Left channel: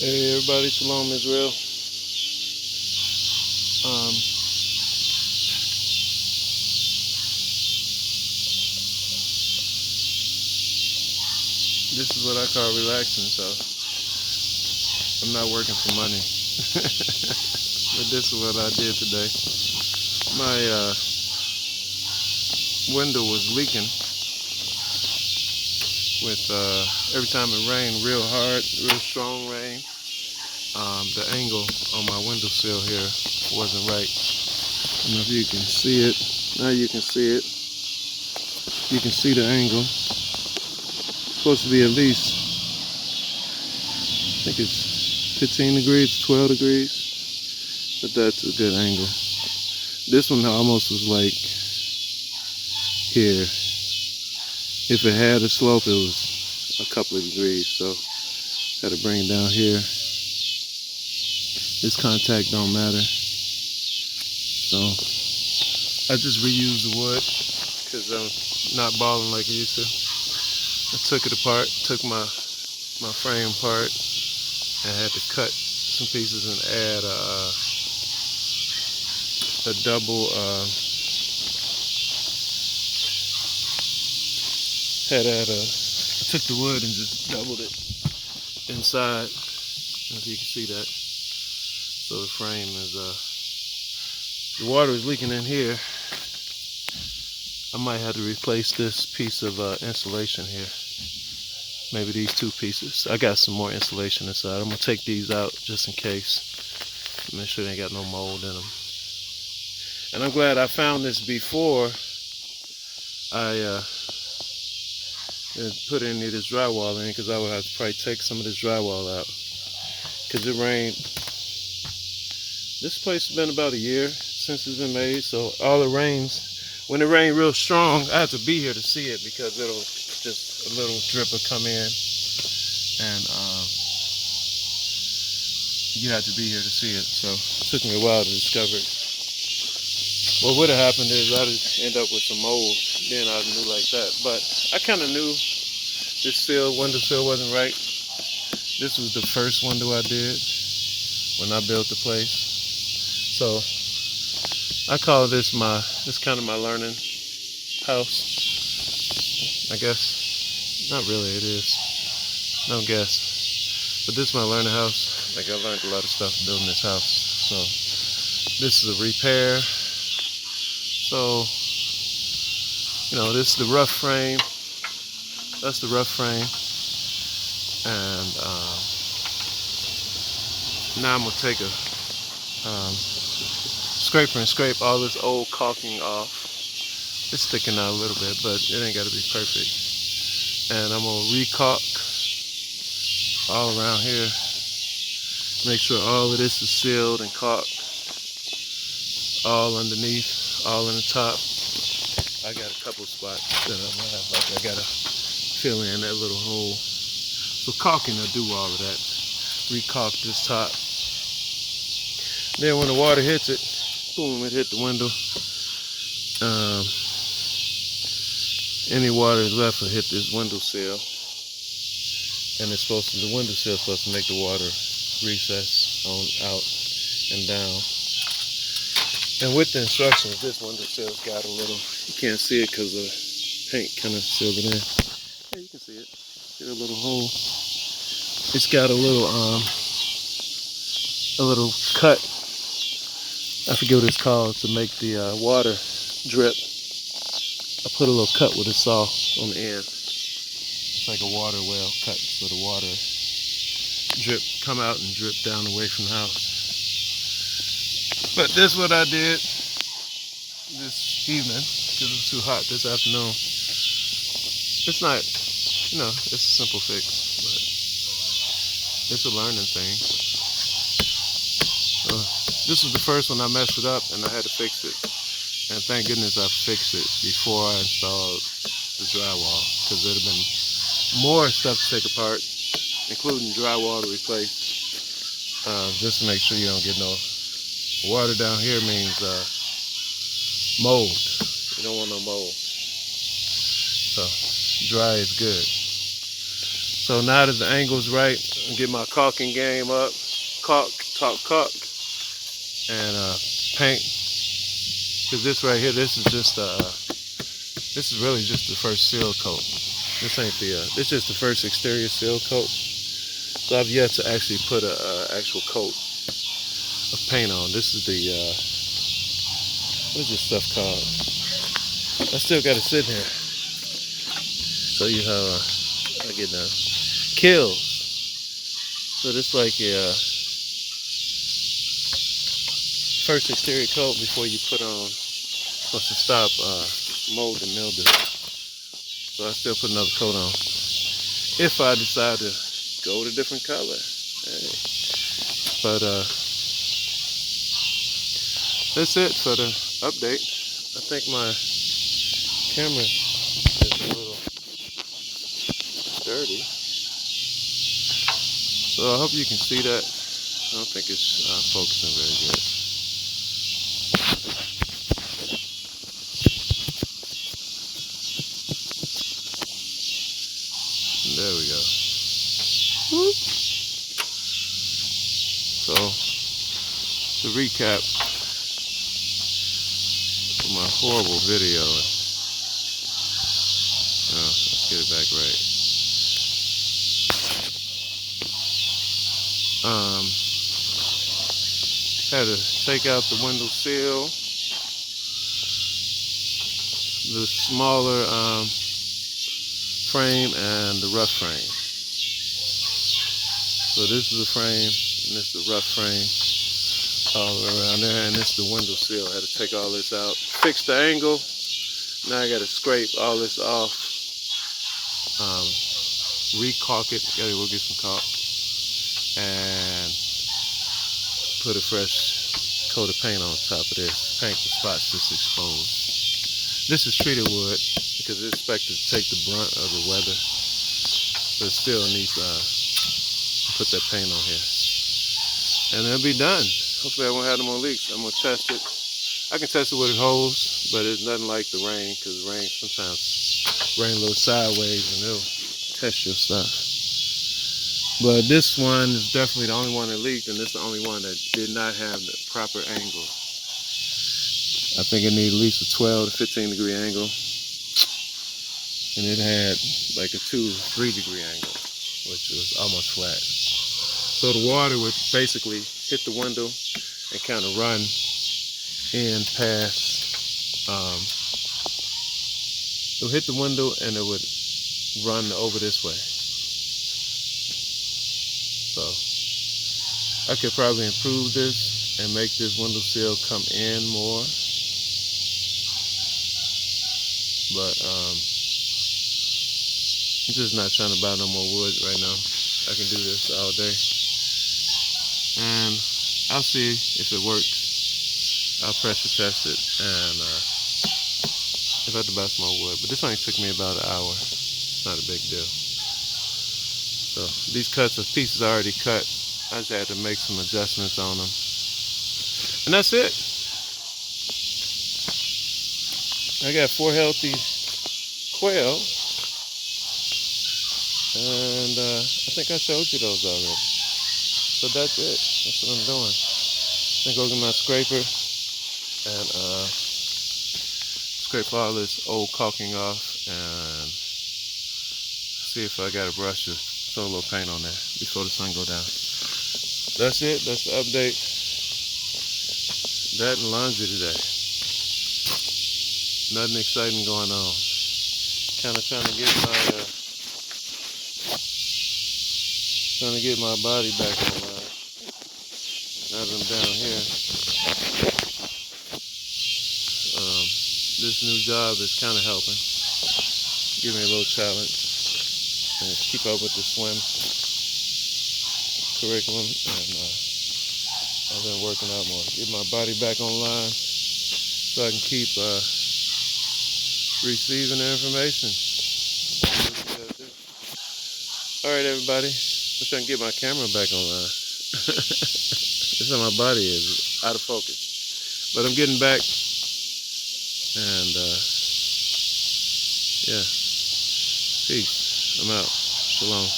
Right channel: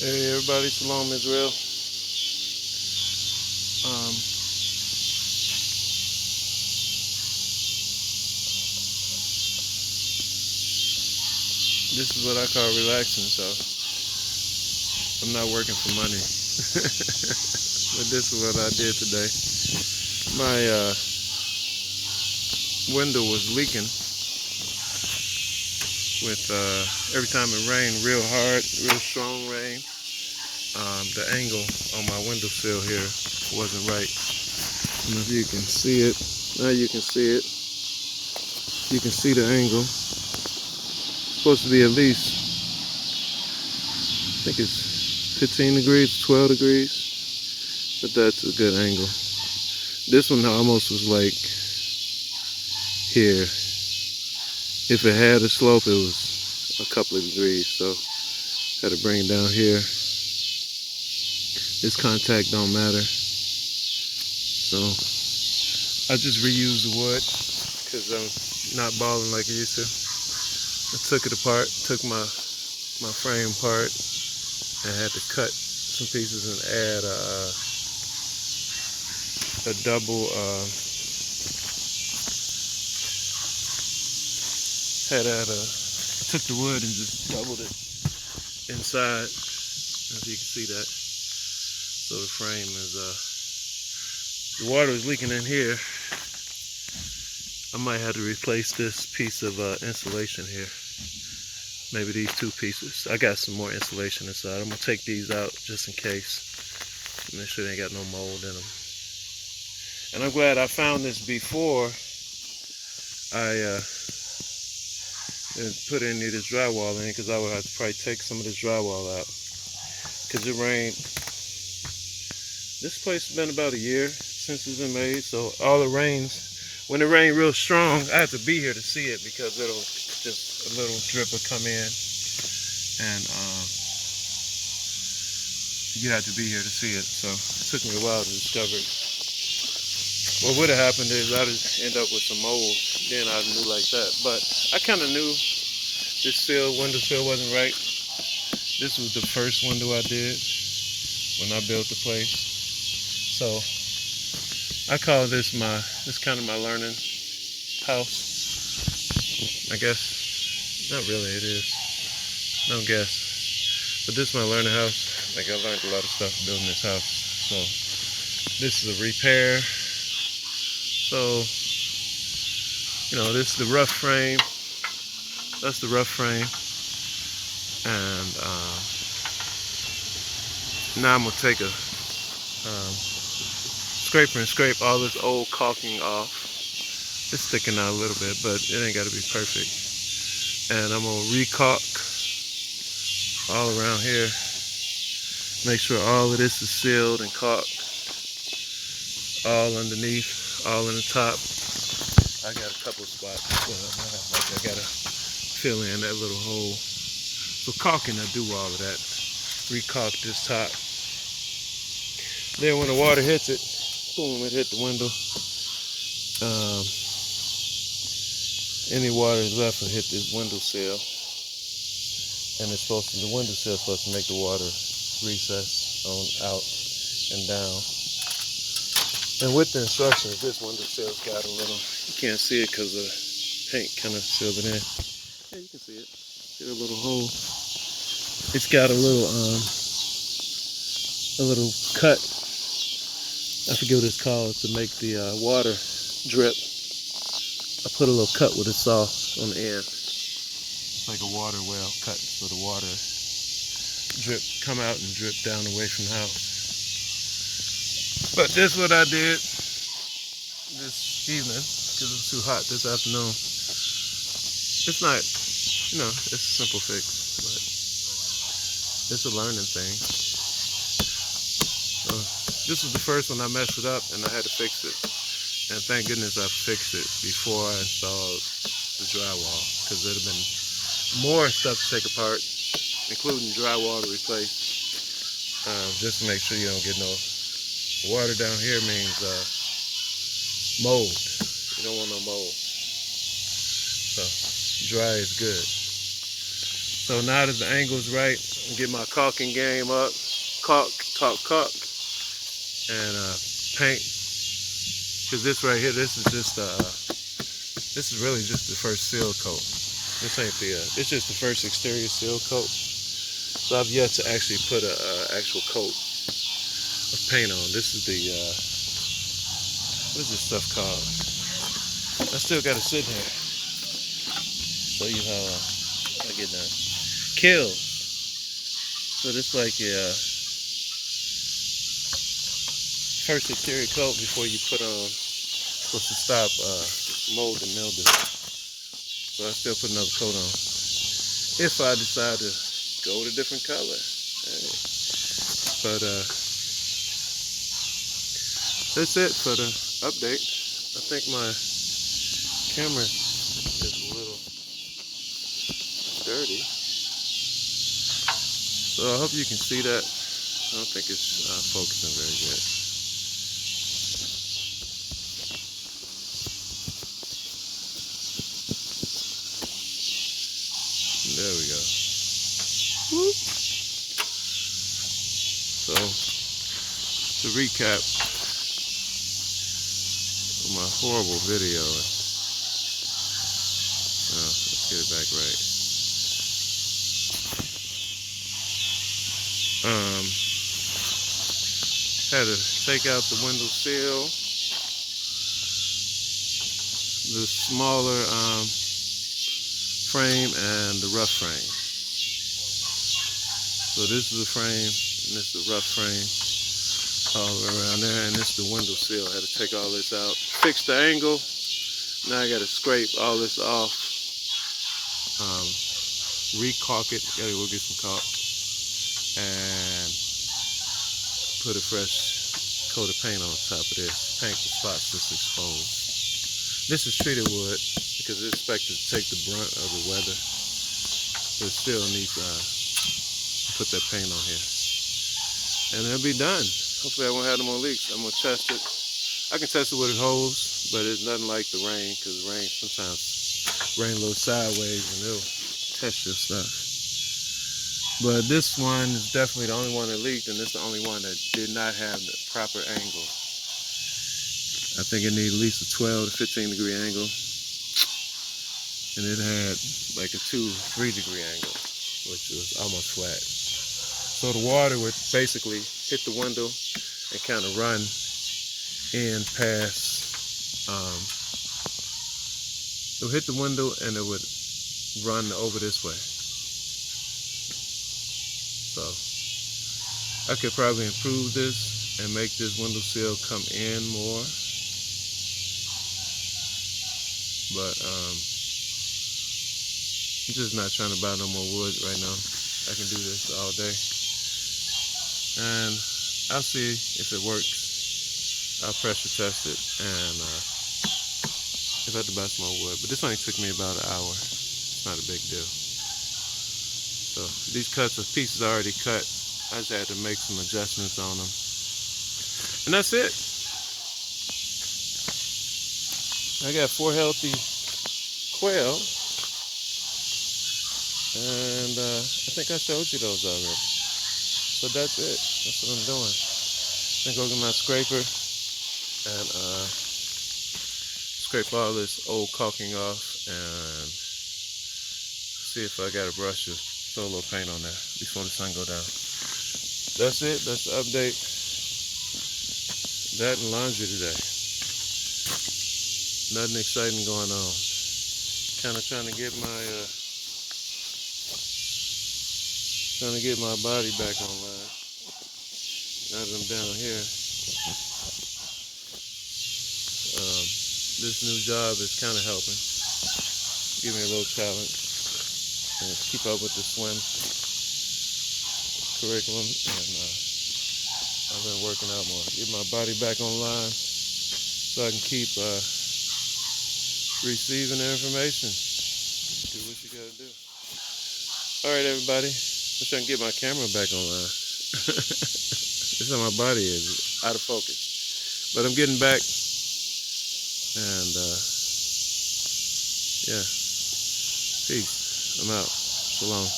Hey everybody, Shalom Israel. Um, this is what I call relaxing, so I'm not working for money. But this is what I did today. My window was leaking with every time it rained real hard, real strong rain. The angle on my windowsill here wasn't right. I don't know if you can see it. Now you can see it. You can see the angle. It's supposed to be at least, I think it's 15 degrees, 12 degrees, but that's a good angle. This one almost was like here. If it had a slope, it was a couple of degrees, so had to bring it down here. This contact don't matter, so I just reused the wood because I'm not balling like I used to. I took it apart, took my frame apart, and had to cut some pieces and add a double. I took the wood and just doubled it inside. If you can see that. So the frame is the water is leaking in here. I might have to replace this piece of insulation here. Maybe these two pieces. I got some more insulation inside. I'm gonna take these out just in case. Make sure they ain't got no mold in them. And I'm glad I found this before I put any of this drywall in, because I would have to probably take some of this drywall out. Because it rained. This place has been about a year since it's been made, so all the rains, when it rained real strong, I have to be here to see it, because it'll just a little drip will come in, and you have to be here to see it. So it took me a while to discover it. What would have happened is I'd end up with some mold. Then I knew like that. But I kind of knew this windowsill wasn't right. This was the first window I did when I built the place. So I call this kind of my learning house. I guess, not really, it is. No guess. But this is my learning house. Like, I learned a lot of stuff building this house. So this is a repair. So, this is the rough frame. That's the rough frame. And now I'm gonna take a scraper and scrape all this old caulking off. It's sticking out a little bit, but it ain't gotta be perfect. And I'm gonna re-caulk all around here. Make sure all of this is sealed and caulked. All underneath, all in the top. I got a couple spots that I gotta fill in that little hole. So caulking will do all of that. Re-caulk this top. Then when the water hits it, boom, it hit the window. Any water left will hit this windowsill, and the windowsill is supposed to make the water recess on out and down. And with the instructions, this windowsill's got a little, you can't see it because the paint kind of sealed it in. Yeah, you can see it. See a little hole. It's got a little cut. I forget what it's called, to make the water drip. I put a little cut with a saw on the end. It's like a water well cut, so the water come out and drip down away from the house. But this is what I did this evening, because it was too hot this afternoon. It's not, it's a simple fix, but it's a learning thing. So this was the first one I messed it up, and I had to fix it. And thank goodness I fixed it before I installed the drywall, because there'd have been more stuff to take apart, including drywall to replace, just to make sure you don't get no water down here. Means mold. You don't want no mold. So dry is good. So now that the angle's right, I'll get my caulking game up, caulk, and paint. Cause this right here, this is really just the first seal coat. This ain't this is just the first exterior seal coat. So I've yet to actually put a actual coat of paint on. This is the, what is this stuff called? I still got to sit here. Show you how I get done. Kills. So this like a first exterior coat before you put on, supposed to stop mold and mildew. So I still put another coat on. If I decide to go with a different color. Hey. But that's it for the update. I think my camera is a little dirty. So I hope you can see that. I don't think it's focusing very good. There we go. Whoop. So, to recap my horrible video, let's get it back right. Had to take out the window sill, the smaller frame and the rough frame. So this is the frame and this is the rough frame all around there, and this is the window sill. I had to take all this out, fix the angle. Now I got to scrape all this off, re-caulk it. Gotta go get some caulk and put a fresh coat of paint on top of this. Paint the spots that's exposed. This is treated wood because it's expected to take the brunt of the weather, but it still needs put that paint on here, and it'll be done. Hopefully I won't have no more leaks. I'm gonna test it. I can test it with a hose, but it's nothing like the rain, because rain sometimes rain a little sideways and it'll test your stuff. But this one is definitely the only one that leaked, and this is the only one that did not have the proper angle. I think it needed at least a 12 to 15 degree angle, and it had like a 2-3 degree angle, which was almost flat. So the water would basically hit the window and kind of run in past, it would hit the window and it would run over this way. So I could probably improve this and make this window sill come in more. But I'm just not trying to buy no more wood right now. I can do this all day. And I'll see if it works. I'll pressure test it, and if I have to buy some more wood. But this only took me about an hour. It's not a big deal. So these pieces are already cut. I just had to make some adjustments on them. And that's it. I got 4 healthy quail. And I think I showed you those already. So that's it. That's what I'm doing. I'm gonna go get my scraper and scrape all this old caulking off and see if I got a brush to throw a little paint on there before the sun go down. That's it. That's the update. That and laundry today. Nothing exciting going on. Kind of trying to get my body back online. Now that I'm down here, this new job is kind of helping. Give me a little challenge and keep up with the swim curriculum, and I've been working out more. Get my body back online so I can keep receiving the information. What you gotta do. All right, everybody. I'm trying to get my camera back online. This is how my body is, out of focus. But I'm getting back, and yeah. Peace. I'm out. Shalom.